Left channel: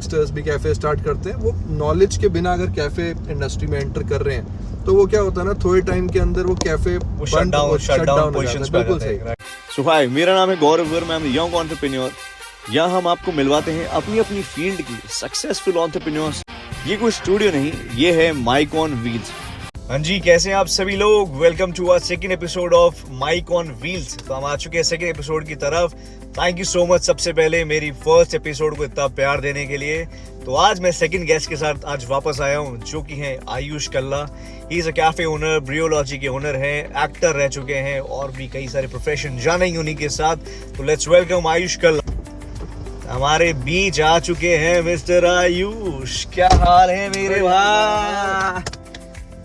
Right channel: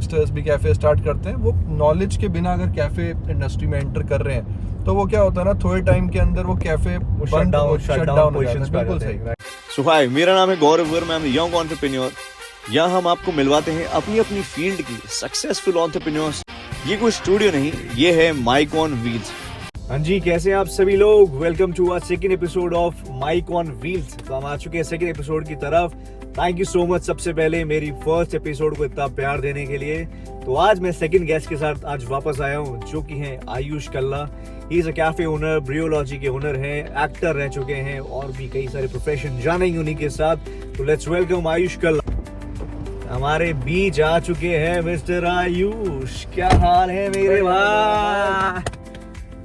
Youngsters भी cafe start करते हैं, वो नॉलेज के बिना अगर कैफे इंडस्ट्री में एंटर कर रहे हैं तो वो क्या होता है ना, थोड़े टाइम के अंदर वो कैफे शट डाउन पोजीशंस पे आ जाता है। सो हाय, मेरा नाम है Gaurav Verma, I am young entrepreneur. यहाँ हम आपको मिलवाते हैं अपनी अपनी फील्ड की सक्सेसफुल एंटरप्रेन्योर्स। ये कोई स्टूडियो नहीं, ये है माइक ऑन व्हील्स। हाँ जी, कैसे हैं आप सभी लोग? Welcome to our second episode of Mic on Wheels. तो हम आ चुके हैं सेकंड एपिसोड की तरफ। थैंक यू सो मच सबसे पहले मेरी फर्स्ट एपिसोड को इतना प्यार देने के लिए। तो आज मैं सेकंड गेस्ट के साथ आज वापस आया हूँ, जो कि हैं Ayush Kalla. He is a cafe owner, Brewology के ओनर हैं, एक्टर रह चुके हैं और भी कई सारे प्रोफेशन जानेंगे उन्हीं के साथ। तो लेट्स वेलकम आयुष कल्ला। हमारे बीच आ चुके हैं मिस्टर आयुष। क्या हाल है मेरे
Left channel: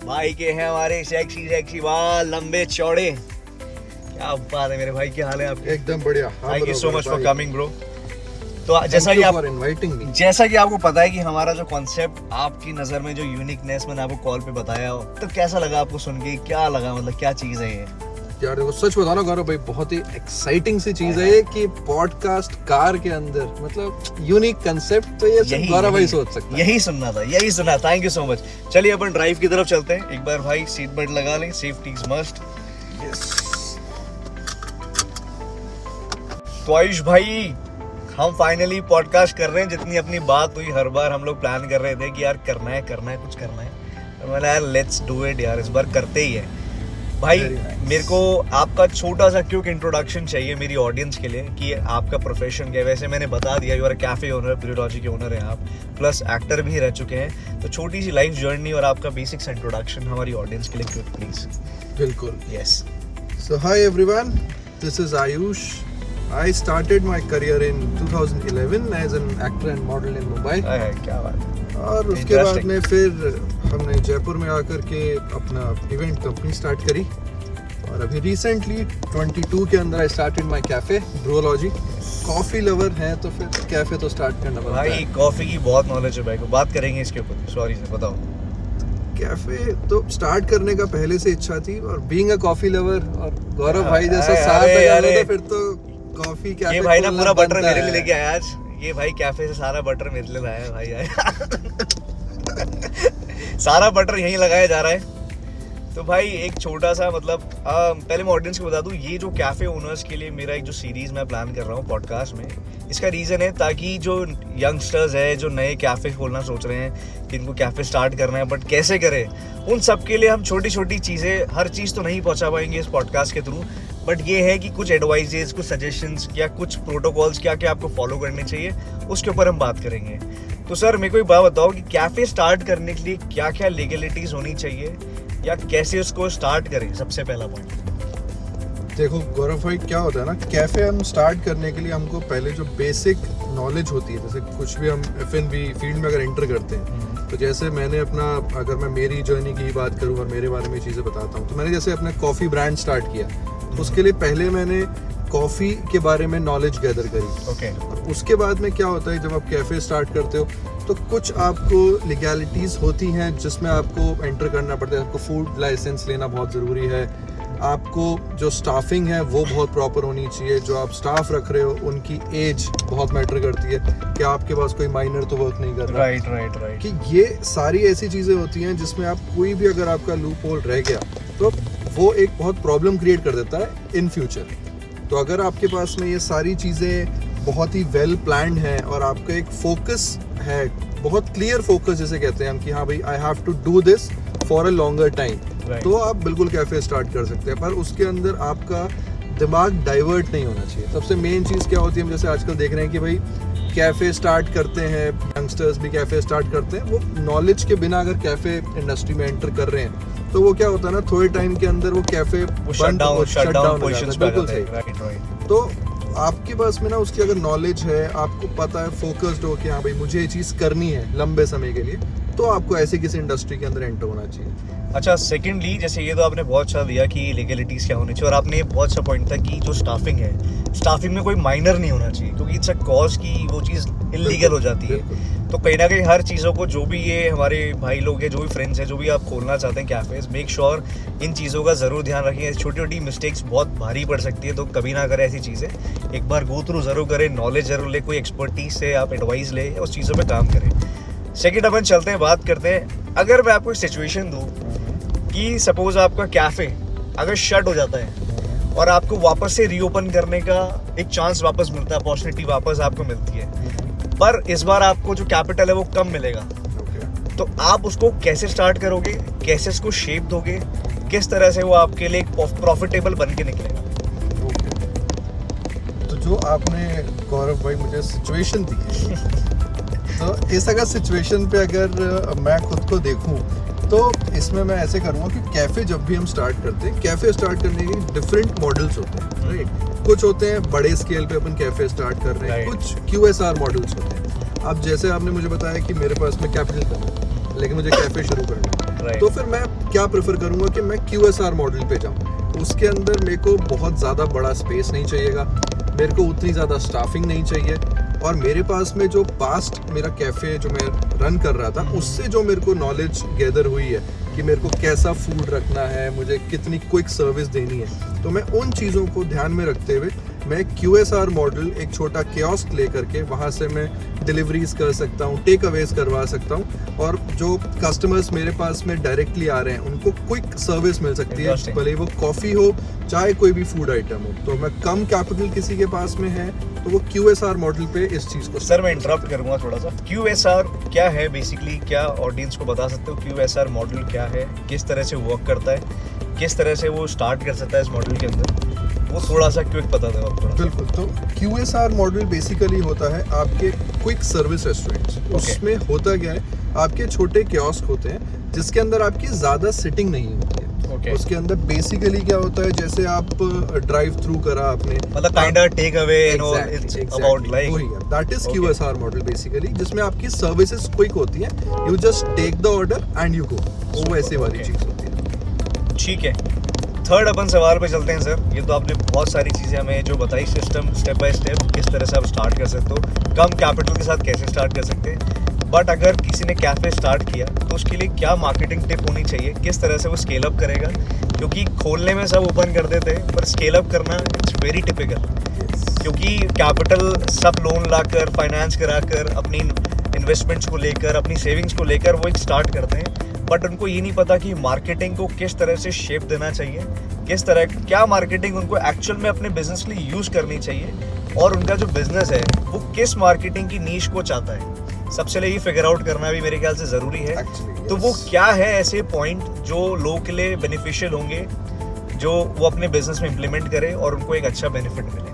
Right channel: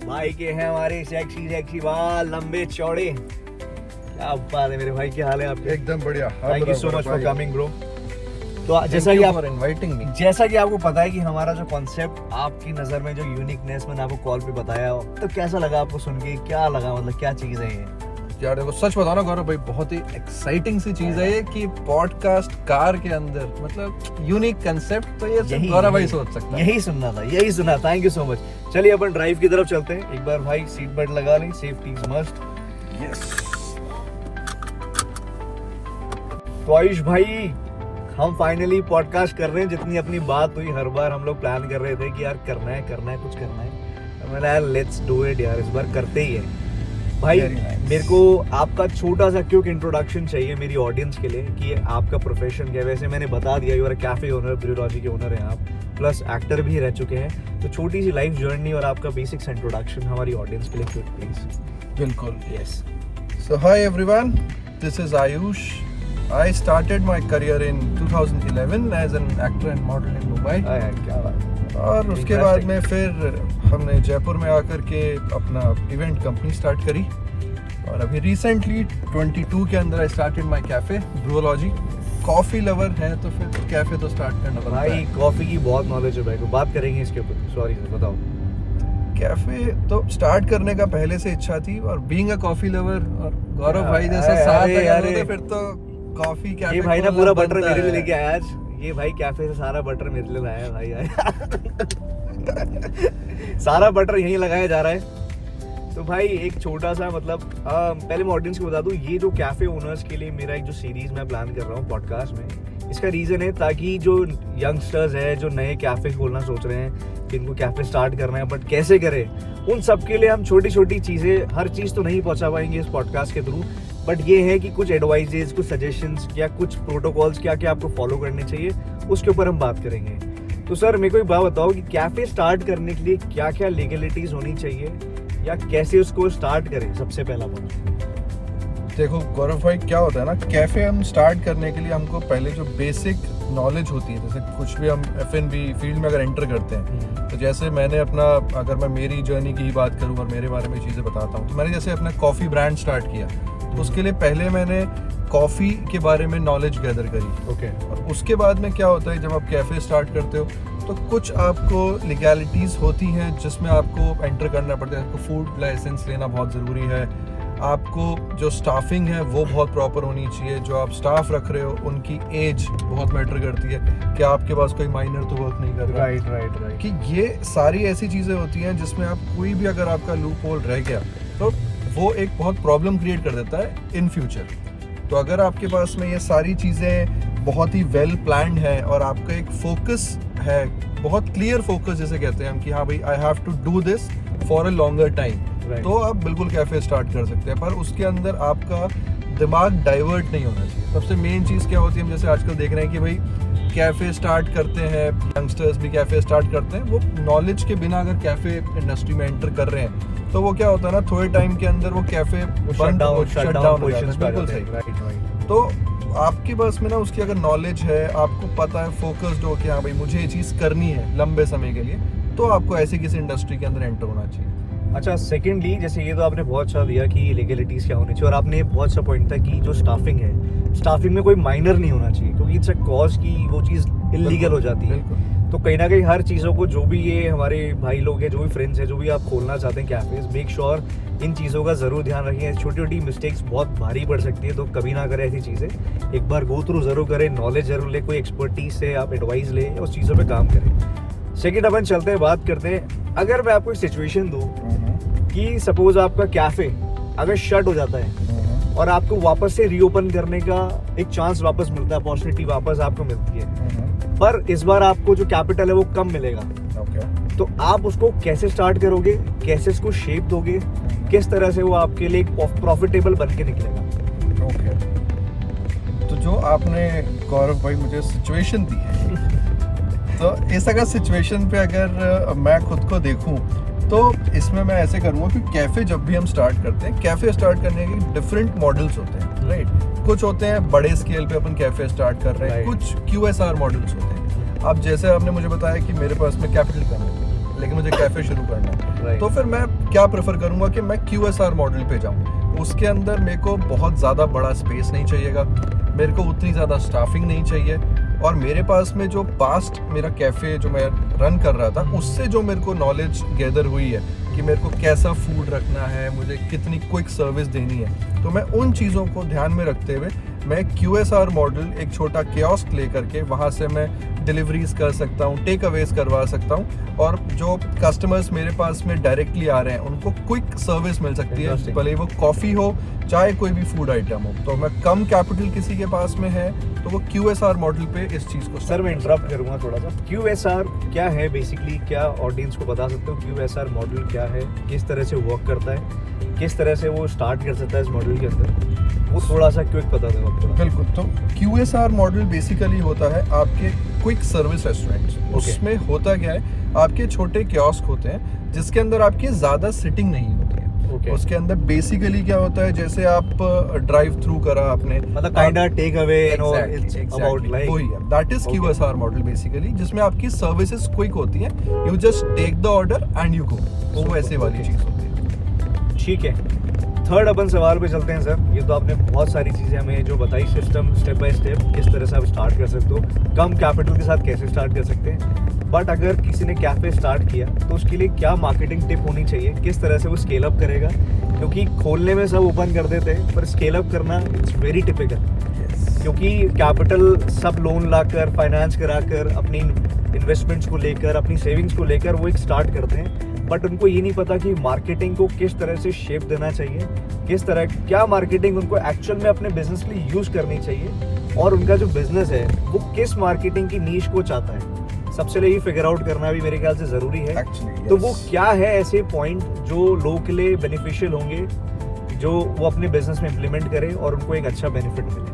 भाई के हैं हमारे सेक्सी बाल, लंबे चौड़े। क्या बात है मेरे भाई, क्या हाल है आपके? एकदम बढ़िया। Thank you so much for coming bro. तो जैसा कि आपको पता है कि हमारा जो कॉन्सेप्ट, आपकी नजर में जो यूनिकनेस मैंने आपको कॉल पे बताया हो, तो कैसा लगा आपको सुन के? क्या लगा, मतलब क्या चीज है ये? यार देखो, सच बताओ ना गौरव भाई, बहुत ही एक्साइटिंग सी चीज है ये कि पॉडकास्ट कार के अंदर, मतलब यूनिक कंसेप्ट। तो ये गौरव भाई सोच सकता है। यही सुनना। Thank you so much. चलिए अपन ड्राइव की तरफ चलते हैं। एक बार भाई सीट बेल्ट लगा लें, सेफ्टी इज मस्ट। तो आयुष भाई, हम फाइनली पॉडकास्ट कर रहे हैं। जितनी अपनी बात हुई, हर बार हम लोग प्लान कर रहे थे कि यार करना है कुछ करना है। और मैंने यार लेट्स डू इट यार, इस बार करते ही है। भाई मेरे को आपका छोटा सा क्विक इंट्रोडक्शन चाहिए मेरी ऑडियंस के लिए कि आपका प्रोफेशन क्या है। वैसे मैंने बता दिया, you are cafe owner, Brewology के ओनर हैं आप, प्लस एक्टर भी रह चुके हैं। तो छोटी सी लाइफ जर्नी और आपका बेसिक्स इंट्रोडक्शन हमारी ऑडियंस के लिए क्विक प्लीज। बिल्कुल, yes. So hi everyone, this is Ayush. I started my career in 2011 as an actor and model in Mumbai. क्या बात। और उसके बाद में फिर हमने जयपुर में आकर के अपना इवेंट कंपनी स्टार्ट करी। और अभी रिसेंटली 22 के अंदर I started my cafe Brewology. Coffee lover हैं तो फिर कैफे तो स्टार्ट करना पड़ता है। भाई कॉफी की बहुत नॉलेज है भाई को, बात करेंगे इसके ऊपर। सॉरी से बताओ। कैफे तो स्टार्ट करने का पहले से इच्छा थी, और बीइंग अ कॉफी लवर और गौरव भाई जैसा साथ लगा तो फिर तो कॉफी कैफे। ये भाई ना पूरा बटर मेरे लिए लेके आया आज। ये भाई कैफे से सारा बटर मेरे लिए लाया है भाई आज। सारा बटर यहीं लगाया जा रहा है। तो भाई एक छोटा सा मतलब पहले मैं ऑडियंस को बता दूं, ये जो कैफे ओनर्स के लिए मेरा एक जो सीरीज मैं प्लान कर रहा हूँ पॉडकास्ट में, इसका रीजन है ताकि जो यंगस्टर्स है, जो नए कैफे खोलना सोच रहे हैं, जिनको कैफे स्टार्ट करना है बट कैसे करें, उन सब के लिए हम छोटी छोटी चीजें, हर चीज तो नहीं पहुंचा पाएंगे इस पॉडकास्ट के थ्रू, बट ये है कि कुछ एडवाइजेस, कुछ सजेशंस या कुछ प्रोटोकॉल्स क्या क्या आपको फॉलो करने चाहिए, उसके ऊपर हम बात करेंगे। तो सर मेरे को एक बात बताओ कि कैफे स्टार्ट करने के लिए क्या क्या लीगलिटीज होनी चाहिए या कैसे उसको स्टार्ट करें, सबसे पहला पॉइंट। देखो गौरव भाई, क्या होता है ना, कैफे हम स्टार्ट करने के लिए हमको पहले जो बेसिक नॉलेज होती है, जैसे कुछ भी हम F&B फील्ड में अगर एंटर करते हैं, तो जैसे मैंने अपना, अगर मैं मेरी जर्नी की ही बात करूं और मेरे बारे में चीज़ें बताता हूं, तो मैंने जैसे अपना कॉफ़ी ब्रांड स्टार्ट किया, उसके लिए पहले मैंने कॉफ़ी के बारे में नॉलेज गैदर करी। ओके। और उसके बाद में क्या होता है, जब आप कैफे स्टार्ट करते हो तो कुछ आपको लीगैलिटीज़ होती हैं जिसमें आपको एंटर करना पड़ता है। आपको फूड लाइसेंस लेना बहुत ज़रूरी है। आपको जो स्टाफिंग है वो बहुत प्रॉपर होनी चाहिए। जो आप स्टाफ रख रहे हो उनकी एज बहुत मैटर करती है कि आपके पास कोई माइनर तो वर्क नहीं कर रहा। राइट। कि ये सारी ऐसी चीज़ें होती हैं जिसमें आप कोई भी, अगर आपका लूप होल रह गया तो वो एक बहुत प्रॉब्लम क्रिएट कर देता है इन फ्यूचर। तो अगर आपके पास में ये सारी चीज़ें बहुत ही वेल प्लान्ड है और आपका एक फोकस है, बहुत क्लियर फोकस जिसे कहते हैं हम, कि हाँ भाई I have to do this for a longer time, तो आप बिल्कुल कैफे स्टार्ट कर सकते हैं। पर उसके अंदर आपका दिमाग डाइवर्ट नहीं होना चाहिए। सबसे मेन चीज़ क्या होती है, हम जैसे आजकल देख रहे हैं कि भाई कैफे स्टार्ट करते हैं, यंगस्टर्स भी कैफे स्टार्ट करते हैं, वो नॉलेज के बिना अगर कैफे इंडस्ट्री में एंटर कर रहे हैं तो वो क्या होता है ना, थोड़े टाइम के अंदर वो कैफे शट डाउन पोजीशंस पे। बिल्कुल सही। तो आपके पास में ना उसकी अगर नॉलेज है, आपको पता है, फोकस्ड हो कि हाँ भाई मुझे ये चीज़ करनी है लंबे समय के लिए, तो आपको ऐसे किसी इंडस्ट्री के अंदर एंटर होना चाहिए। अच्छा, सेकेंडली जैसे ये तो आपने बहुत अच्छा दिया कि लीगलिटीज़ क्या होनी चाहिए, और आपने बहुत अच्छा पॉइंट था कि जो स्टाफिंग है, स्टाफिंग में कोई माइनर नहीं होना चाहिए, क्योंकि इट्स अ कॉज की वो चीज़ इलीगल हो जाती है। बिल्कुल। तो कहीं ना कहीं हर चीज़ों को, जो भी ये हमारे भाई लोग हैं, जो भी फ्रेंड्स हैं, जो भी आप खोलना चाहते हैं कैफेज, मेक श्योर इन चीज़ों का ज़रूर ध्यान रखें। छोटी छोटी मिस्टेक्स बहुत भारी पड़ सकती है, तो कभी ना करें ऐसी चीज़ें। एक बार गो थ्रू ज़रूर करें, नॉलेज ज़रूर लें, कोई एक्सपर्टीज से आप एडवाइस लें, उस चीज़ों पे काम करें। सेकंड अपन चलते हैं, बात करते हैं, अगर मैं आपको एक सिचुएशन दूँ कि सपोज आपका कैफ़े अगर शट हो जाता है और आपको वापस से रीओपन करने का एक चांस वापस मिलता है, अपॉर्चुनिटी वापस आपको मिलती है, पर इस बार आपको जो कैपिटल है वो कम मिलेगा, तो आप उसको कैसे स्टार्ट करोगे, कैसे इसको शेप दोगे, किस तरह से वो आपके लिए एक प्रॉफिटेबल बन के निकलेगा? तो जो आपने गौरव भाई मुझे सिचुएशन दी है, तो इस अगर सिचुएशन पे अगर मैं खुद को देखूं तो इसमें मैं ऐसे करूँगा कि कैफ़े जब भी हम स्टार्ट करते हैं, कैफ़े स्टार्ट करने के डिफरेंट मॉडल्स होते हैं, राइट। कुछ होते हैं बड़े स्केल पे अपन कैफ़े स्टार्ट कर रहे हैं, कुछ QSR मॉडल्स होते हैं। अब जैसे आपने मुझे बताया कि मेरे पास में कैपिटल कम है लेकिन मुझे कैफ़े शुरू करना है, तो फिर मैं क्या प्रेफर करूँगा कि मैं QSR मॉडल पे जाऊँ। उसके अंदर मेरे को बहुत ज़्यादा बड़ा स्पेस नहीं चाहिएगा, मेरे को उतनी ज़्यादा स्टाफिंग नहीं चाहिए, और मेरे पास में जो पास्ट मेरा कैफ़े जो मैं रन कर रहा था उससे जो मेरे को नॉलेज गैदर हुई है कि मेरे को कैसा फूड रखना है, मुझे कितनी क्विक सर्विस देनी है, तो मैं उन चीज़ों को ध्यान में रखते हुए मैं QSR मॉडल एक छोटा कियोस्क ले करके वहाँ से मैं डिलीवरीज कर सकता हूँ, टेक अवेज करवा सकता हूँ, और जो कस्टमर्स मेरे पास में डायरेक्टली आ रहे हैं उनको क्विक सर्विस मिल सकती है, भले वो कॉफ़ी हो चाहे कोई भी फूड आइटम हो। तो मैं कम कैपिटल किसी के पास में है तो वो QSR मॉडल पे इस चीज़ को। सर मैं इंटरप्ट करूँगा थोड़ा सा, QSR क्या है बेसिकली, क्या ऑडियंस को बता सकते हो QSR मॉडल क्या है, किस तरह से वर्क करता है, किस तरह से वो स्टार्ट कर सकता है इस मॉडल के अंदर, वो थोड़ा सा क्विक बता दो आप थोड़ा। बिल्कुल। तो QSR मॉडल बेसिकली होता है आपके क्विक सर्विस रेस्टोरेंट्स। उसमें होता क्या है, आपके छोटे कियोस्क होते हैं जिसके अंदर आपकी ज़्यादा सिटिंग नहीं होती है। उसके अंदर बेसिकली क्या होता है, जैसे आप ड्राइव थ्रू करा आपने, मतलब kind take away and all, it's about like वही है, that is QSR model basically, जिसमें आपकी सर्विसेज क्विक होती हैं, you just take the order and you go, वो ऐसे वाली चीज़ होती है। ठीक है, थर्ड अपन सवाल पे चलते हैं सर। ये तो आपने बहुत सारी चीज़ें हमें जो बताई, सिस्टम स्टेप बाय स्टेप किस तरह से आप स्टार्ट कर सकते हो, कम कैपिटल के साथ कैसे स्टार्ट कर सकते हैं, बट अगर किसी ने कैफ़े स्टार्ट किया तो उसके लिए क्या मार्केटिंग टिप होनी चाहिए, किस तरह से वो स्केल अप करेगा, क्योंकि खोलने में सब ओपन कर देते हैं पर स्केल अप करना इट्स वेरी टिपिकल, क्योंकि कैपिटल सब लोन लाकर, फाइनेंस कराकर, अपनी इन्वेस्टमेंट्स को लेकर, अपनी सेविंग्स को लेकर वो एक स्टार्ट करते हैं, बट उनको ये नहीं पता कि मार्केटिंग को किस तरह से शेप देना चाहिए, किस तरह क्या मार्केटिंग उनको एक्चुअल में अपने बिजनेस के लिए यूज़ करनी चाहिए, और उनका जो बिजनेस है वो किस मार्केटिंग की नीश को चाहता है, सबसे पहले ये फिगर आउट करना भी मेरे ख्याल से ज़रूरी है। तो वो क्या है ऐसे पॉइंट जो लोगों के लिए बेनिफिशियल होंगे, जो वो अपने बिजनेस में इम्प्लीमेंट करें और उनको एक अच्छा बेनिफिट मिले।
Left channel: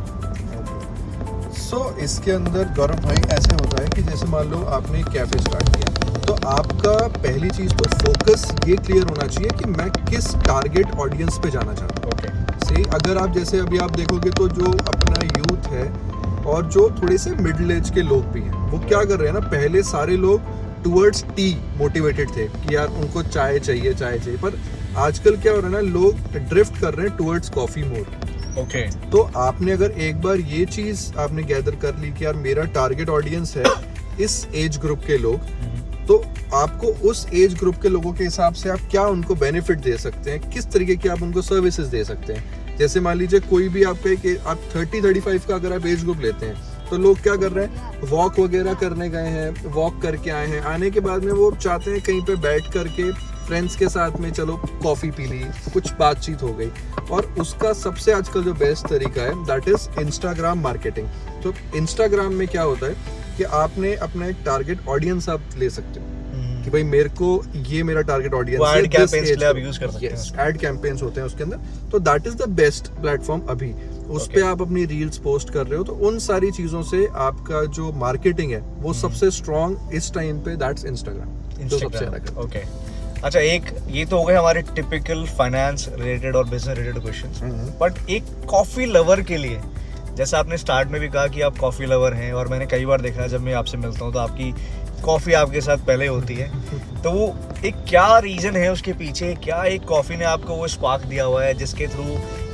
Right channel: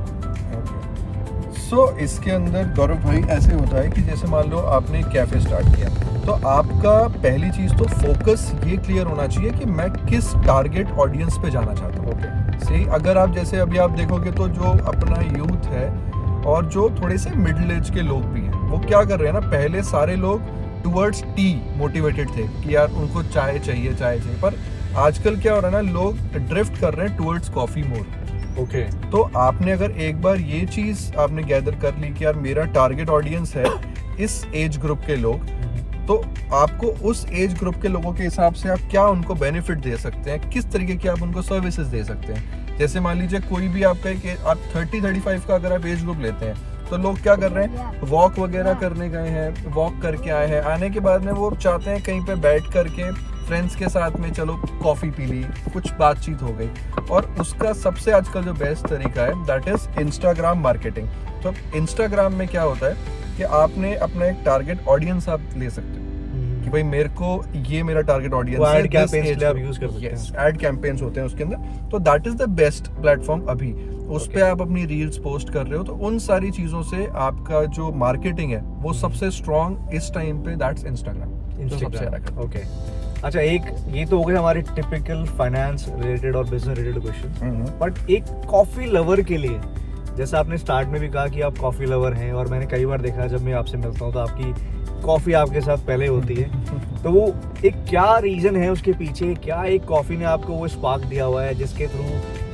इसके अंदर गौरव भाई ऐसे होता है कि जैसे मान लो आपने कैफ़े स्टार्ट किया, तो आपका पहली चीज़ तो फोकस ये क्लियर होना चाहिए कि मैं किस टारगेट ऑडियंस पे जाना चाहता हूँ। सही, अगर आप जैसे अभी आप देखोगे तो जो अपना यूथ है और जो थोड़े से मिडिल एज के लोग भी हैं, वो क्या कर रहे हैं ना, पहले सारे लोग टुवर्ड्स टी मोटिवेटेड थे कि यार उनको चाय चाहिए, पर आजकल क्या हो रहा है ना, लोग ड्रिफ्ट कर रहे हैं टुवर्ड्स कॉफ़ी मोर। तो आपने अगर एक बार ये चीज़ आपने गैदर कर ली कि यार मेरा टारगेट ऑडियंस है इस एज ग्रुप के लोग, तो आपको उस एज ग्रुप के लोगों के हिसाब से आप क्या उनको बेनिफिट दे सकते हैं, किस तरीके की आप उनको सर्विसेज दे सकते हैं। जैसे मान लीजिए कोई भी आपका एक आप 30-35 का अगर आप एज ग्रुप लेते हैं, तो लोग क्या कर रहे हैं, वॉक वगैरह करने गए हैं, वॉक करके आए हैं, आने के बाद में वो चाहते हैं कहीं पे बैठ करके फ्रेंड्स के साथ में चलो कॉफ़ी पी ली, कुछ बातचीत हो गई, और उसका सबसे आजकल जो बेस्ट तरीका है दैट इज इंस्टाग्राम मार्केटिंग। तो इंस्टाग्राम में क्या होता है कि आपने अपना एक टारगेट ऑडियंस आप ले सकते हो कि भाई मेरे को ये मेरा टारगेट ऑडियंस है, ऐड कैंपेन्स के लिए आप यूज कर सकते हैं। ऐड कैंपेन्स होते हैं उसके अंदर, तो that is the best platform अभी। उस पे आप अपनी रील्स पोस्ट कर रहे हो, तो उन सारी चीजों से आपका जो मार्केटिंग है वो सबसे स्ट्रॉन्ग इस टाइम पे दैट्स इंस्टाग्राम, जो सबसे ज्यादा। ओके, अच्छा, एक ये तो हो गए हमारे टिपिकल फाइनेंस रिलेटेड और बिजनेस रिलेटेड क्वेश्चंस, बट एक कॉफी लवर के लिए, जैसा आपने स्टार्ट में भी कहा कि आप कॉफी लवर हैं, और मैंने कई बार देखा है जब मैं आपसे मिलता हूँ तो आपकी कॉफी आपके साथ पहले होती है, तो वो एक क्या रीजन है उसके पीछे, क्या एक कॉफी ने आपको वो स्पार्क दिया हुआ है जिसके through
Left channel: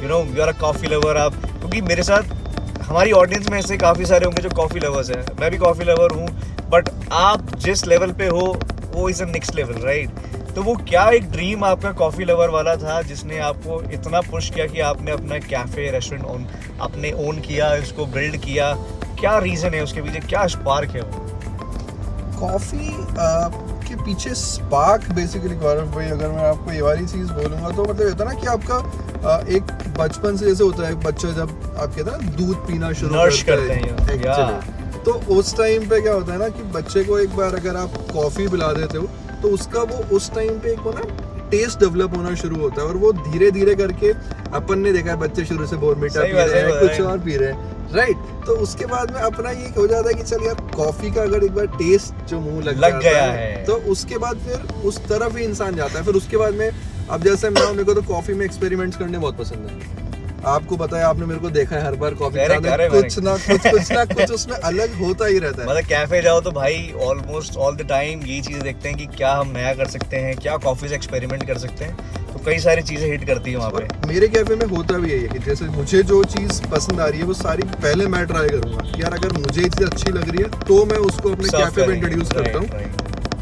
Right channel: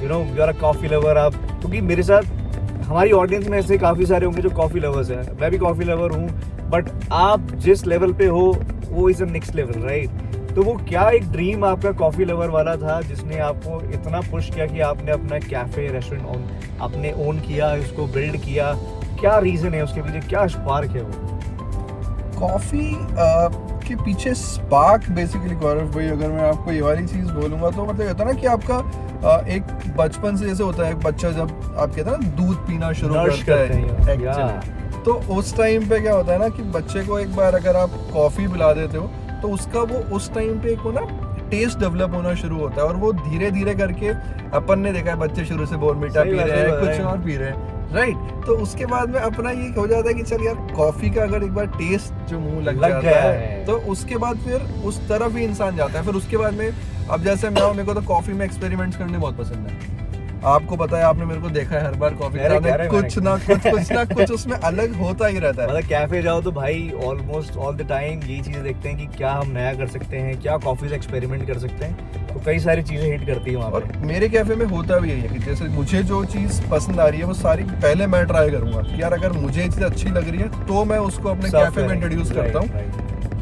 you are a coffee lover आप, क्योंकि मेरे साथ हमारी ऑडियंस में ऐसे काफ़ी सारे होंगे जो कॉफ़ी लवर्स हैं, मैं भी कॉफ़ी लवर हूँ, बट आप जिस लेवल पे हो वो is a next level, right? तो वो क्या एक ड्रीम आपका कॉफ़ी लवर वाला था जिसने आपको इतना पुश किया कि आपने अपना कैफ़े रेस्टोरेंट आपने ओन किया, उसको बिल्ड किया? क्या रीज़न है उसके पीछे, क्या स्पार्क है वो? कॉफ़ी के पीछे स्पार्क बेसिकली गौरव भाई, अगर मैं आपको ये वाली चीज़ बोलूँगा तो मतलब होता है ना कि आपका एक बचपन से जैसे होता है, एक बच्चा जब आप कहते हैं ना दूध पीना शुरू नर्श करते हैं actually, तो उस टाइम पे क्या होता है ना कि बच्चे को एक बार अगर आप कॉफ़ी पिला देते हो तो उसका वो उस टाइम पे एक वो ना टेस्ट डेवलप होना शुरू होता है, और वो धीरे धीरे करके अपन ने देखा है बच्चे शुरू से बॉर्नविटा पी रहे हैं, कुछ और पी रहे हैं, राइट? तो उसके बाद में अपना ये हो जाता है कि चल यार कॉफी का अगर एक बार टेस्ट जो मुंह लग गया जाता है तो उसके बाद फिर उस तरफ ही इंसान जाता है। फिर उसके बाद में अब जैसे मैं मेरे को तो कॉफी में एक्सपेरिमेंट्स करने बहुत पसंद है। आपको पता है, आपने मेरे को देखा है हर बार कॉफी कुछ ना कुछ उसमें अलग होता ही रहता है। मतलब कैफे जाओ तो भाई ऑलमोस्ट ऑल द टाइम ये चीजें देखते हैं कि क्या हम नया कर सकते हैं, क्या कॉफी से एक्सपेरिमेंट कर सकते हैं, तो कई सारी चीजें हिट करती है वहाँ पे। मेरे कैफे में होता भी यही है कि जैसे मुझे जो चीज़ पसंद आ रही है वो सारी पहले मैं ट्राई करूंगा कि यार अगर मुझे ये चीज़ अच्छी लग रही है तो मैं उसको अपने कैफे में इंट्रोड्यूस करता हूँ,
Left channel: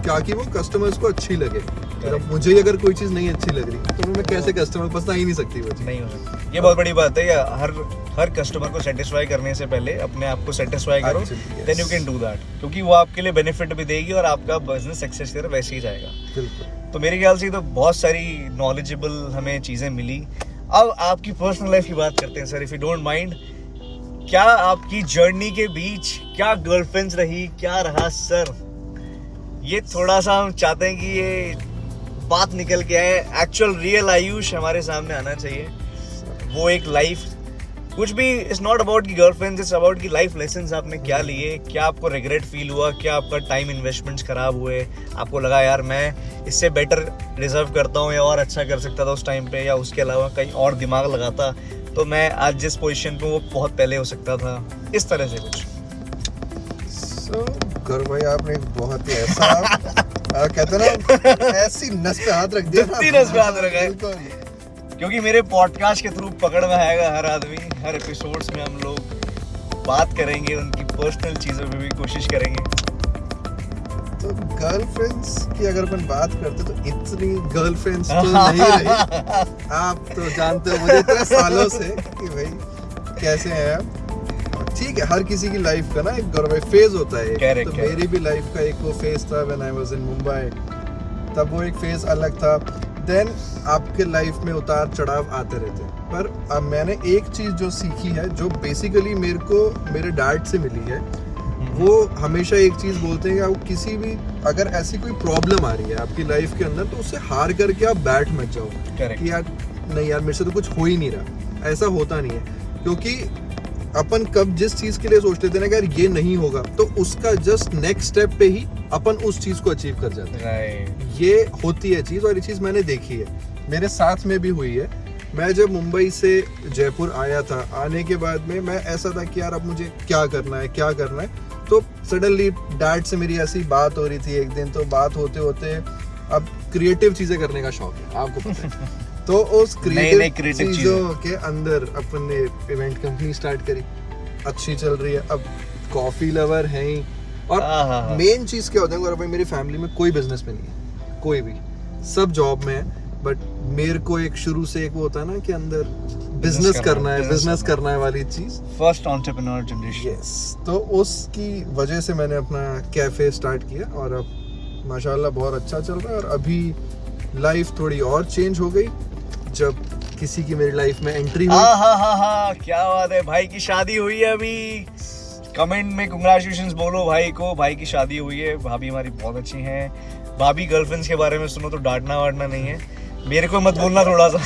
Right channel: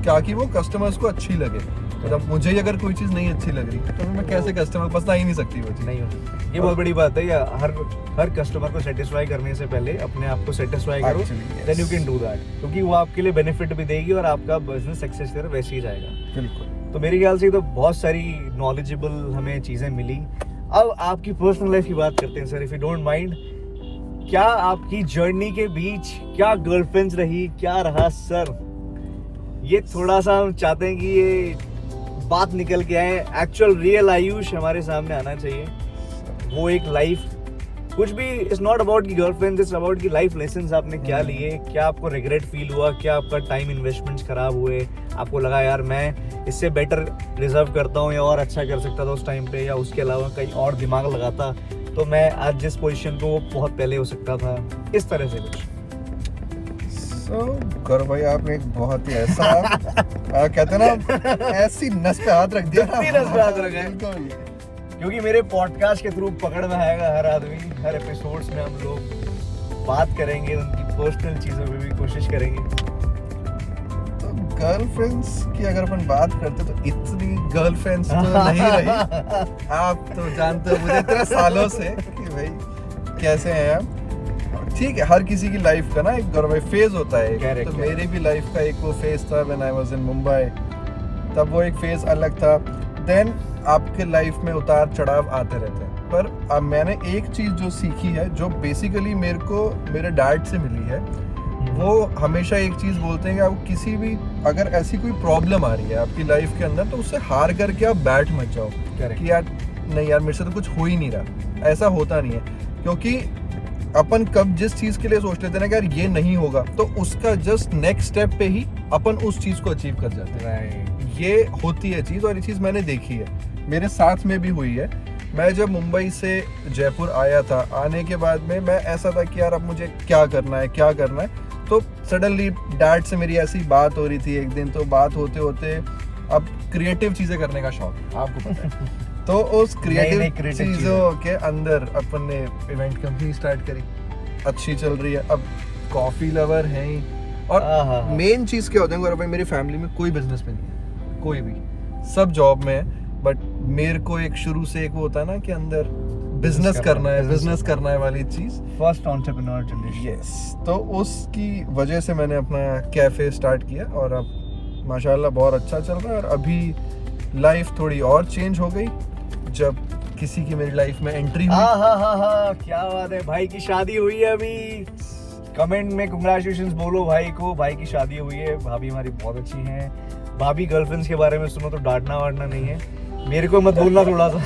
ताकि वो कस्टमर्स को अच्छी लगे। मतलब मुझे ही अगर कोई चीज़ नहीं अच्छी लग रही तो मैं कैसे कस्टमर पसंद आ ही नहीं सकती वो चीज़। नहीं हो सकती, ये बहुत बड़ी बात है। या हर कस्टमर को सेटिस्फाई करने से पहले अपने आप को सेटिस्फाई करो, then you can do that, क्योंकि वो आपके लिए बेनिफिट भी देगी और आपका बिजनेस सक्सेस की तरफ वैसे ही जाएगा। बिल्कुल। तो मेरे ख्याल से तो बहुत सारी नॉलेजेबल हमें चीज़ें मिली। अब आपकी पर्सनल लाइफ की बात करते हैं sir, if you don't mind. क्या आपकी जर्नी के बीच क्या गर्लफ्रेंड्स रही, क्या रहा सर? ये थोड़ा सा हम चाहते हैं कि ये बात निकल के आए, एक्चुअल रियल आयुष हमारे सामने आना चाहिए। वो एक लाइफ, कुछ भी इट्स नॉट अबाउट की गर्लफ्रेंड्स, इट्स अबाउट की लाइफ लेसन्स आपने क्या लिए, क्या आपको रिग्रेट फील हुआ, क्या आपका टाइम इन्वेस्टमेंट्स खराब हुए, आपको लगा यार मैं इससे बेटर डिजर्व करता हूँ या और अच्छा कर सकता था उस टाइम पे, या उसके अलावा कहीं और दिमाग लगाता तो मैं आज जिस पोजीशन पे वो बहुत पहले हो सकता था, इस तरह से कुछ? गौरव भाई आपने एक बहुत ही ऐसा कहते हैं ना ऐसी नस पे हाथ रख दिया, नस पे हाथ रखा है, क्योंकि मेरे पॉडकास्ट के थ्रू पकड़ में आएगा हर आदमी। हर एपिसोड्स में हम लोग बात करेंगे, उनकी पर्सनल चीज़ों पे भी कोशिश करेंगे। तो गर्लफ्रेंड्स की अगर अपन बात करते तो इतनी गर्लफ्रेंड्स तो नहीं रही। आप तो जानते हो मुझे इतने सालों से कि भाई कैसे हैं आप। ठीक है, हर किसी की लाइफ का ना एक गौरव फेज होता है। तो मेरी भी लाइफ का एक वो फेज था when I was in Mumbai, तब वो एक फेज अलग था। देन आपके लाइफ में उतार चढ़ाव आते रहते हैं, पर अब मैंने एक चीज़ जो सीखी है, जो बेसिकली मेरे को मेरे डैड से मिली है, वो हमेशा एक चीज़ बोलते हैं कि आप किसी भी अगर ऐसी कोई प्रॉब्लम आ रही है आपकी लाइफ के अंदर तो उससे हार करके आप बैठ मत जाओ कि यार नहीं यार मेरे से तो कुछ हो ही नहीं रहा। ऐसा होता नहीं है, क्योंकि अपन कब जिस चीज़ के लिए सोच लेते हैं ना कि यार ये नहीं होगा, तो उसका जस्ट नेक्स्ट स्टेप पे ही अपन उस चीज़ को अचीव कर जाते हैं। ये होती है चीज़, और ये चीज़ मैंने देखी है, मेरे साथ में भी हुई है। मैं जब मुंबई से जयपुर आया था, आने के बाद में मैं ऐसा था कि यार अब मुझे क्या करना है, तो सडनली डैड से मेरी ऐसी बात हो रही थी एक दिन, तो बात होते होते अब क्रिएटिव चीज़ें करने का शौक है, आपको पता है। तो उस क्रिएटिव चीज़ों के अंदर अपन ने इवेंट कंपनी स्टार्ट करी, अच्छी चल रही है, अब कॉफ़ी लवर हैं ही। और मेन चीज़ क्या होता है गौरव भाई, मेरी फैमिली में कोई बिजनेस में नहीं है, कोई भी, सब जॉब में है, बट मेरे को एक शुरू से एक वो होता है ना कि अंदर बिजनेस करना है वाली चीज़, फर्स्ट एंटरप्रेन्योर जनरेशन। यस, तो उसकी वजह से मैंने अपना कैफ़े स्टार्ट किया और अब माशाल्लाह बहुत अच्छा चल रहा है। और अभी लाइफ थोड़ी और चेंज हो गई जब किसी की मेरी लाइफ में एंट्री हुई। क्या बात है, भाई की शादी हुई है अभी। कमेंट में कंग्रेचुलेशंस बोलो भाई को, भाई की शादी हुई है, भाभी हमारी बहुत अच्छी हैं। भाभी गर्लफ्रेंड्स के बारे में सुनो तो डांटना वाटना नहीं है, मेरे को मत बोलना थोड़ा सा।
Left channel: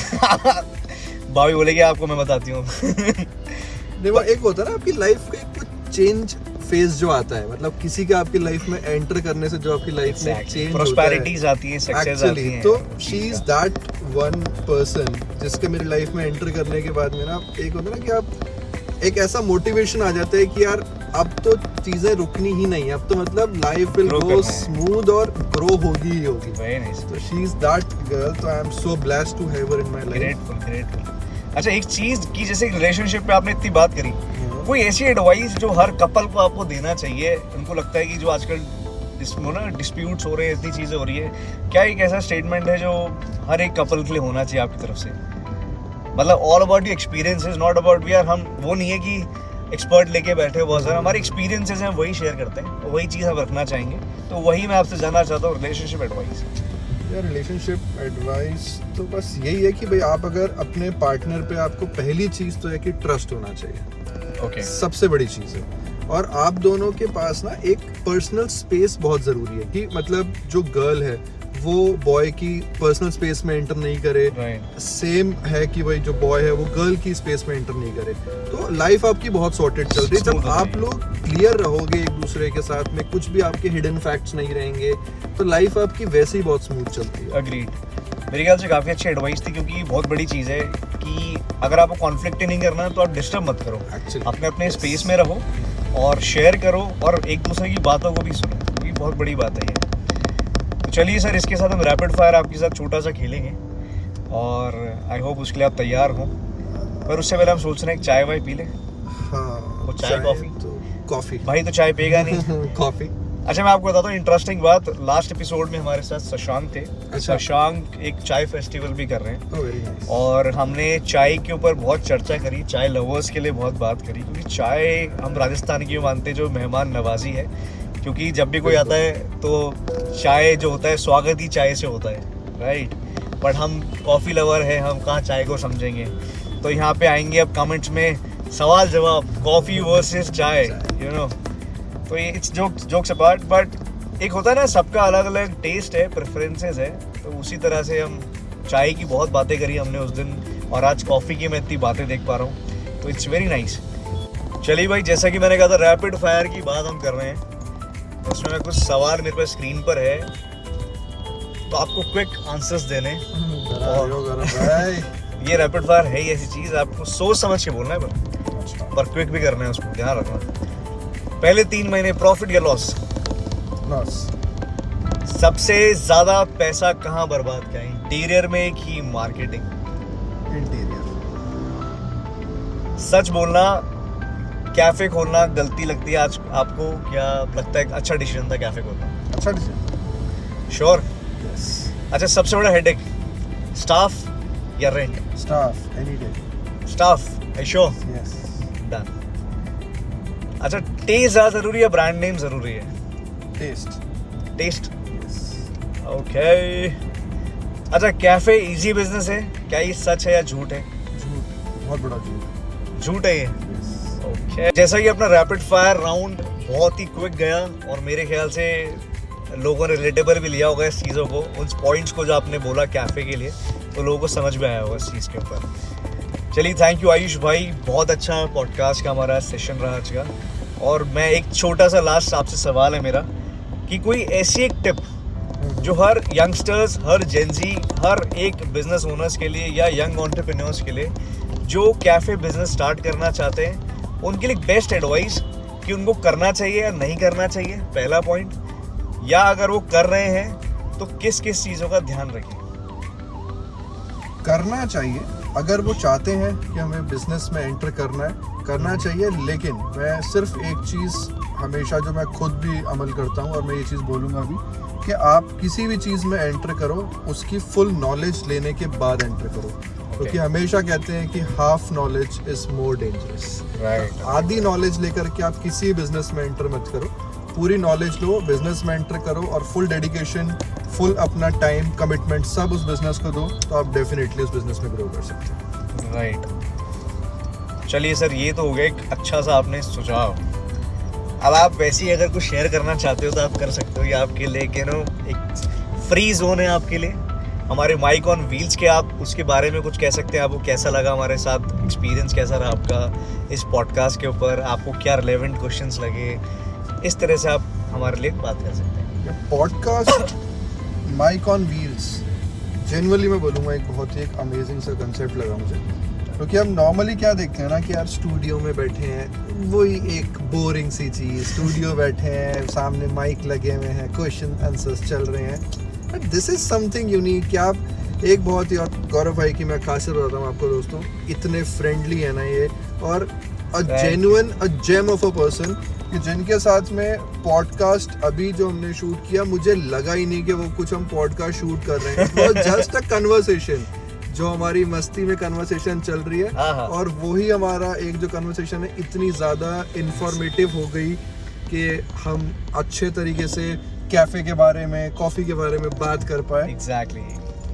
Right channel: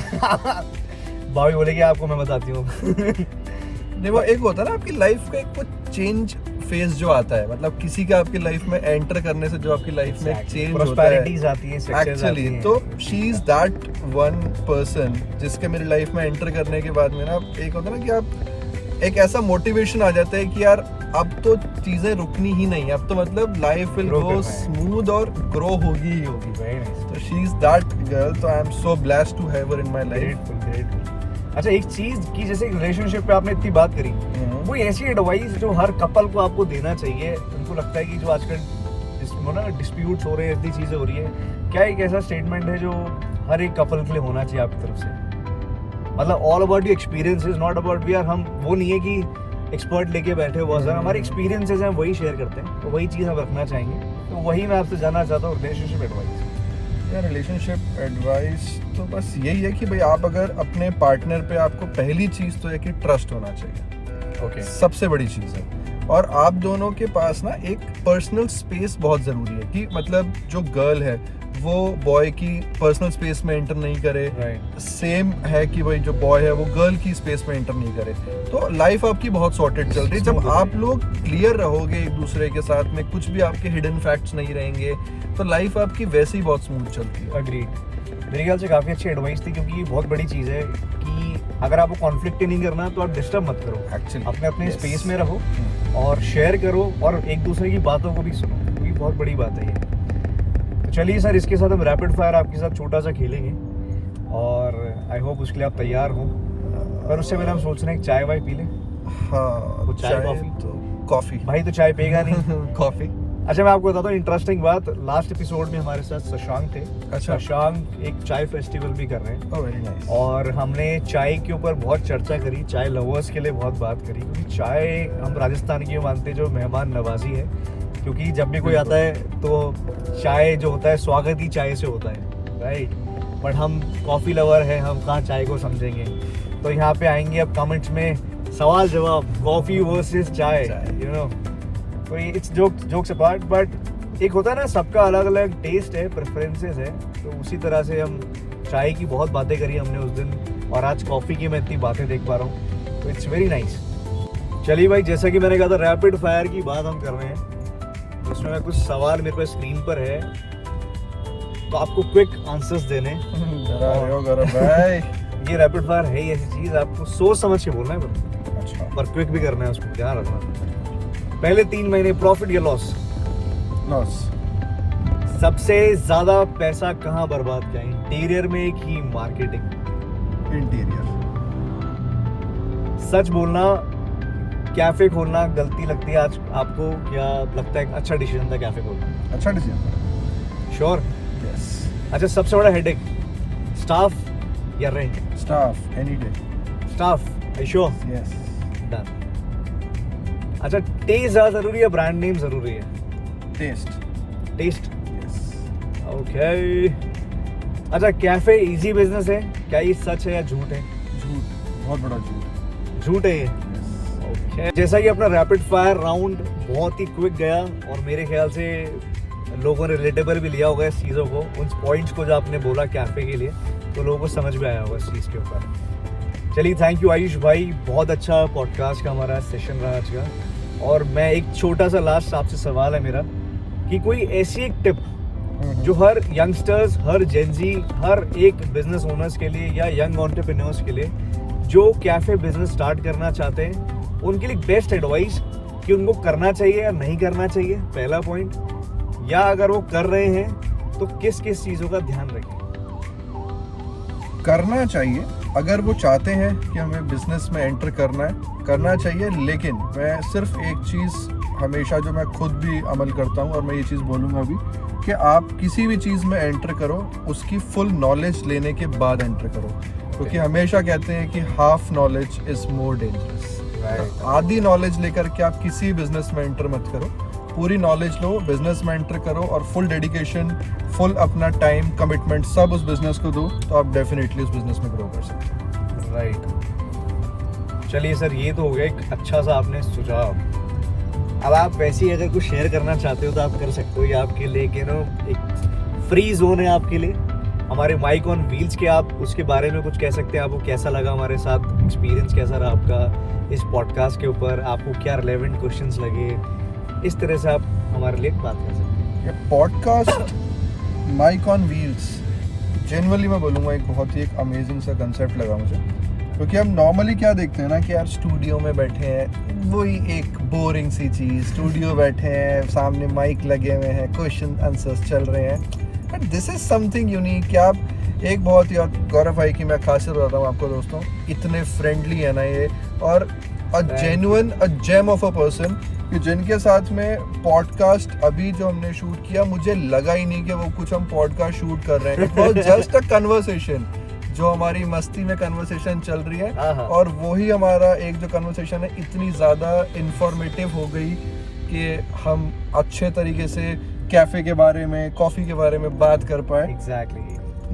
भाभी बोलेगी आपको मैं बताती हूँ। नहीं, वो एक होता है ना आपकी लाइफ का एक कुछ चेंज फेज जो आता है, मतलब किसी का आपकी लाइफ में एंटर करने से जो आपकी लाइफ में चेंज प्रॉस्पेरिटीज आती है, सक्सेस आती है। तो she is that one person जिसके मेरी लाइफ में एंटर करने के बाद में ना एक होता है ना कि आप एक ऐसा मोटिवेशन आ जाता है कि यार अब तो चीजें रुकनी ही नहीं, अब तो मतलब लाइफ विल गो स्मूथ और ग्रो होगी ही होगी। Very nice. तो शी इज दैट गर्ल, तो I am so blessed to have her in my life. Grateful. अच्छा एक चीज की जैसे रिलेशनशिप पे आपने इतनी बात करी, कोई ऐसी एडवाइस जो हर कपल को आपको देना चाहिए? उनको लगता है कि जो आजकल इसमें ना डिस्प्यूट्स हो रहे हैं, इतनी चीज़ें हो रही है, क्या एक ऐसा स्टेटमेंट है जो हर एक कपल के लिए होना चाहिए आपकी तरफ से? मतलब all about your experiences, not about we are, हम वो नहीं है कि एक्सपर्ट लेके बैठे हो बहुत सारे, हमारे एक्सपीरियंसेस हैं वही शेयर करते हैं, तो वही चीज़ हम रखना चाहेंगे। तो वही मैं आपसे जानना चाहता हूँ, रिलेशनशिप एडवाइस। या रिलेशनशिप एडवाइस तो बस यही है कि भाई आप अगर अपने पार्टनर पे, आपको पहली चीज़ तो है कि ट्रस्ट होना चाहिए। ओके। सबसे बड़ी चीज़ है। और आप दोनों के पास ना एक पर्सनल स्पेस बहुत ज़रूरी है कि मतलब जो गर्ल है वो बॉय की पर्सनल स्पेस में एंटर नहीं करे, सेम है कि भाई जो बॉय है वो गर्ल की स्पेस में एंटर नहीं करे। तो लाइफ आपकी बहुत सॉर्टेड चल रही है जब आप लोग क्लियर रहोगे एक दूसरे के साथ में, कुछ भी आपके हिडन फैक्ट्स नहीं रहेंगे, तो लाइफ आपकी वैसे ही बहुत स्मूथ चलती है। अग्रीड। मेरे ख्याल से काफ़ी अच्छी एडवाइस थी, क्योंकि ये बहुत बड़ी चीज़ है कि अगर आपको कॉन्फ्लिक्ट नहीं करना तो आप डिस्टर्ब मत करो, Actually, अपने अपने yes. स्पेस में रहो और शेयर करो और एक दूसरे की बातों को भी सुनो, ये बहुत बड़ी बात है ये। तो चलिए सर, इसके साथ हम रैपिड फायर आपके साथ छोटा सा खेलेंगे और आई होप उसके लिए आप तैयार हो, पर उससे पहले हम सोच रहे हैं चाय वाय पी लें। हाँ, वो चाय कॉफी? तो कॉफी। भाई तो चाय पिएगा नहीं। कॉफी। अच्छा मैं आपको बताता हूँ इंटरेस्टिंग बात, लास्ट एपिसोड में हमारे साथ शशांक थे। अच्छा। शशांक एक चाय फेस्टिवल भी कर रहे हैं Oh, very nice. और हमने चाय के ऊपर बहुत चर्चा करी, चाय लवर्स के लिए बहुत बात करी, क्योंकि चाय हम राजस्थान की मानते हैं जो मेहमान नवाजी है, क्योंकि जब भी कोई आता है तो चाय जो होता है स्वागत ही चाय से होता है, राइट? बट हम कॉफ़ी लवर है, हम कहाँ चाय को समझेंगे। तो यहाँ पे आएंगे अब कमेंट्स में सवाल जवाब, कॉफ़ी वर्सेस चाय, यू नो। तो ये इट्स जोक्स अपार्ट, बट एक होता है ना सबका अलग अलग टेस्ट है, प्रेफरेंसेस है, तो उसी तरह से हम चाय की बहुत बातें करी हमने उस दिन, और आज कॉफ़ी की मैं इतनी बातें देख पा रहा हूँ, तो इट्स वेरी नाइस। चलिए भाई, जैसा कि मैंने कहा था रैपिड फायर की बात हम कर रहे हैं, उसमें मैं कुछ सवाल मेरे पास स्क्रीन पर है, तो आपको क्विक आंसर्स देने। ये रैपिड फायर है ही ऐसी चीज़, आपको सोच समझ के बोलना है पर क्विक भी करना है, उसको ध्यान रखना। पहले 3 महीने प्रॉफिट या लॉस? लॉस। सबसे ज्यादा पैसा कहाँ बर्बाद किया, इंटीरियर में कि मार्केटिंग? इंटीरियर। सच बोलना, कैफे खोलना गलती लगती है आज आपको, क्या लगता है अच्छा डिसीजन था कैफे खोलना? अच्छा डिसीजन। श्योर? यस। अच्छा सबसे बड़ा हेडेक, स्टाफ या rent? Staff, any day. Staff, I sure? Yes. Done. अच्छा टेस्ट ज़्यादा जरूरी है, ब्रांड नेम जरूरी है? टेस्ट। टेस्ट। यस। ओके। अच्छा कैफे इजी बिजनेस है, क्या ये सच है या झूठ है? झूठ, बहुत बड़ा झूठ। झूठ है ये? यस। ओके। जैसा कि अपना रैपिड फायर राउंड बहुत ही क्विक गया और मेरे ख्याल से लोगों ने रिलेटेबल भी लिया होगा इस चीज़ों को, उन पॉइंट्स को जो आपने बोला कैफे के लिए, तो लोगों को समझ में आया होगा इस चीज़ के ऊपर। चलिए थैंक यू आयुष भाई, बहुत अच्छा पॉडकास्ट का हमारा सेशन रहा आज का। और मैं एक छोटा सा लास्ट आपसे सवाल है मेरा, कि कोई ऐसी एक टिप जो हर यंगस्टर्स, हर जेनजी, हर एक बिजनेस ओनर्स के लिए या यंग एंटरप्रेन्योर्स के लिए जो कैफ़े बिजनेस स्टार्ट करना चाहते हैं, उनके लिए बेस्ट एडवाइस कि उनको करना चाहिए या नहीं करना चाहिए, पहला पॉइंट, या अगर वो कर रहे हैं तो किस किस चीज़ों का ध्यान रखें? करना चाहिए, अगर वो चाहते हैं कि हमें बिजनेस में एंटर करना चाहिए, लेकिन मैं सिर्फ एक चीज़ हमेशा जो मैं खुद भी अमल करता हूँ और मैं ये चीज़ बोलूँगा भी, कि आप किसी भी चीज़ में एंटर करो उसकी फुल नॉलेज लेने के बाद एंटर करो, क्योंकि हमेशा कहते हैं कि half knowledge is more dangerous. Right. आधी नॉलेज लेकर के आप किसी बिजनेस में एंटर मत करो, पूरी नॉलेज लो, बिजनेस में एंटर करो और फुल डेडिकेशन, फुल अपना टाइम, कमिटमेंट सब उस बिजनेस को दो, तो आप डेफिनेटली उस बिजनेस में ग्रो कर सकते हैं। राइट। चलिए सर, ये तो हो गया एक अच्छा सा आपने सुझाव। अब आप वैसे ही अगर कुछ शेयर करना चाहते हो तो आप कर सकते हो, ये आपके लिए कि नो एक फ्री जोन है आपके लिए। हमारे माइक ऑन व्हील्स के आप उसके बारे में कुछ कह सकते हैं, आपको कैसा लगा हमारे साथ, एक्सपीरियंस कैसा रहा आपका इस पॉडकास्ट के ऊपर, आपको क्या रिलेवेंट क्वेश्चंस लगे, इस तरह से आप हमारे लिए बात कर सकते हैं। Podcast Mic on Wheels genuinely मैं बोलूँगा एक बहुत ही एक अमेजिंग सा कंसेप्ट लगा मुझे, क्योंकि हम नॉर्मली क्या देखते हैं ना कि यार स्टूडियो में बैठे हैं, वही एक बोरिंग सी चीज़, स्टूडियो बैठे हैं, सामने माइक लगे हुए हैं, क्वेश्चन आंसर्स चल रहे हैं, but this is something unique कि आप एक बहुत ही और गौरव भाई की मैं खासियत बताता हूँ आपको दोस्तों, इतने फ्रेंडली है ना ये, और a genuine a gem of a person, जिनके साथ में पॉडकास्ट अभी जो हमने शूट किया, मुझे लगा ही नहीं कि वो कुछ हम पॉडकास्ट शूट कर रहे हैं। It was just a conversation, जो हमारी मस्ती में कन्वर्सेशन चल रही है, और वही हमारा एक जो कन्वर्सेशन है इतनी ज़्यादा इंफॉर्मेटिव हो गई कि हम अच्छे तरीके से कैफ़े के बारे में, कॉफ़ी के बारे में बात कर पाए। एग्जैक्टली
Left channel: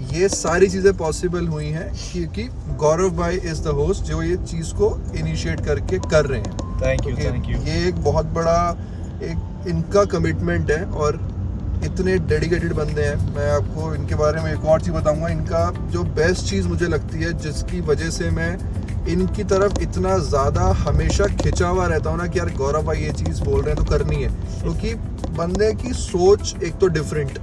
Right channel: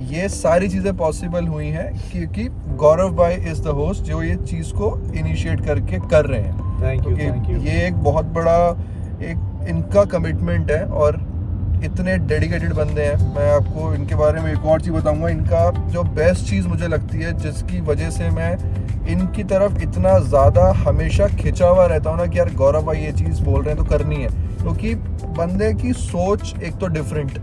ये सारी चीज़ें पॉसिबल हुई हैं क्योंकि गौरव भाई इज़ द होस्ट जो ये चीज़ को इनिशिएट करके कर रहे हैं। Thank you, thank you. ये एक बहुत बड़ा एक इनका कमिटमेंट है, और इतने डेडिकेटेड बंदे हैं। मैं आपको इनके बारे में एक और चीज़ बताऊंगा, इनका जो बेस्ट चीज़ मुझे लगती है, जिसकी वजह से मैं इनकी तरफ इतना ज़्यादा हमेशा खिंचा हुआ रहता हूँ ना कि यार गौरव भाई ये चीज़ बोल रहे हैं तो करनी है, क्योंकि बंदे की सोच एक तो डिफरेंट,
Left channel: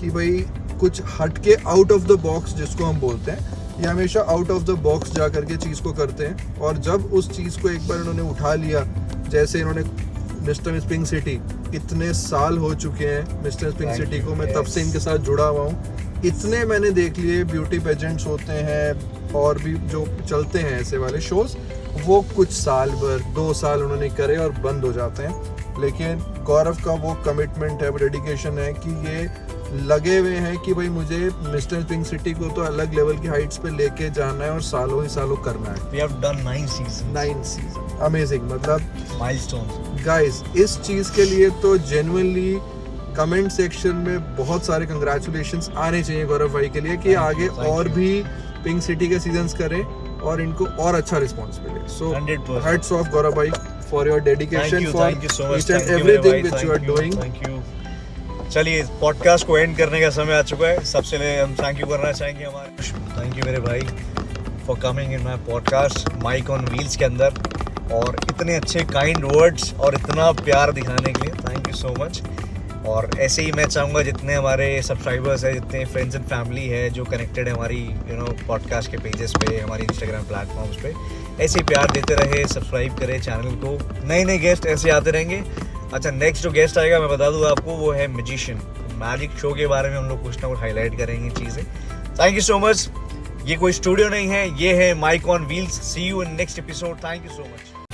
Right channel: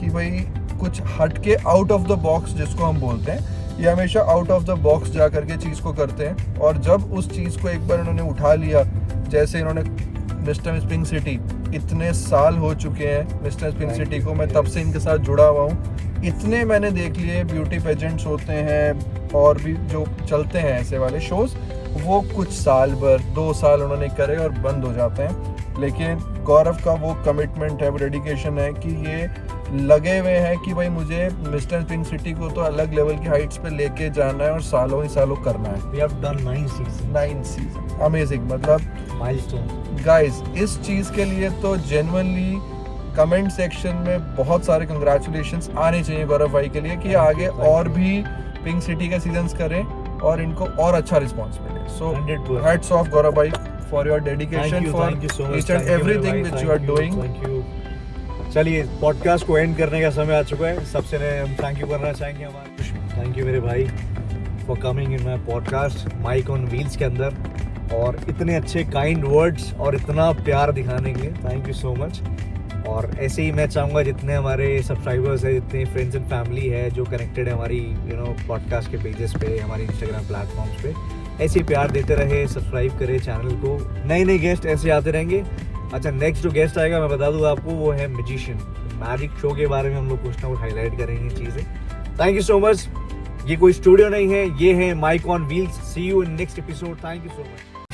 कि भाई कुछ हट के आउट ऑफ द बॉक्स जिसको हम बोलते हैं, ये हमेशा आउट ऑफ द बॉक्स जा करके चीज़ को करते हैं। और जब उस चीज़ को एक बार इन्होंने उठा लिया, जैसे इन्होंने मिस्टर मिस पिंक सिटी, इतने साल हो चुके हैं मिस्टर मिस पिंक सिटी को, मैं तब से इनके साथ जुड़ा हुआ हूँ। इतने मैंने देख लिए ब्यूटी पेजेंट्स होते हैं और भी जो चलते हैं ऐसे वाले शोज, वो कुछ साल भर 2 साल उन्होंने करे और बंद हो जाते हैं। लेकिन गौरव का वो कमिटमेंट है, वो डेडिकेशन है कि ये लगे हुए हैं कि भाई मुझे मिस्टर पिंक सिटी को तो अलग लेवल की हाइट्स पे लेके जाना है और सालों ही सालों करना है। We have done 9 seasons. 9 season, amazing. मतलब Milestones. गाइस, इस चीज़ के लिए तो जेन्युइनली कमेंट सेक्शन में बहुत सारे कंग्रेचुलेशंस आने चाहिए गौरव भाई के लिए, कि आगे और भी पिंक सिटी के सीजन्स करें और इनको और अच्छा रिस्पॉन्स मिले। सो 100%. हैट्स ऑफ गौरव भाई for your dedication, for thank you so much. Each and Thank you, everything मेरे व्हिच भाई. You are Thank you, doing. thank you. चलिए पॉडकास्ट को एंड करने का समय आ चुका है। सबसे पहले हम थैंक यू करना चाहेंगे हमारे, थैंक यू मेरे भाई for coming in my podcast Mic on Wheels के अंदर, और इतने अच्छे काइंड वर्ड्स और इतना प्यार दिखाने के लिए थैंक यू सो मच। और ऐसे ही मैं चाहूँगा जितने हमारे सब्सक्राइबर्स हैं, जितने फ्रेंड्स एंड फैमिली है जो कनेक्टेड है हमारी पॉडकास्ट के पेजेस पे, हमारी इंस्टाग्राम प्लेटफॉर्म्स पे, ऐसे ही प्यार देते रहे, सब्सक्राइब करें चैनल को। नए नए गेस्ट ऐसे आते रहेंगे। अच्छा, नेक्स्ट जो गेस्ट आएगा मैं बता दूँ आपको, वो है मैजिशियन। मैजिक शो के बारे में हम लोग कुछ ना कुछ हाईलाइट करेंगे चीज़ें। Thank you so much. ये कोई स्टूडियो नहीं है, ये है Mic on Wheels. See you in next episode. Thank you so much.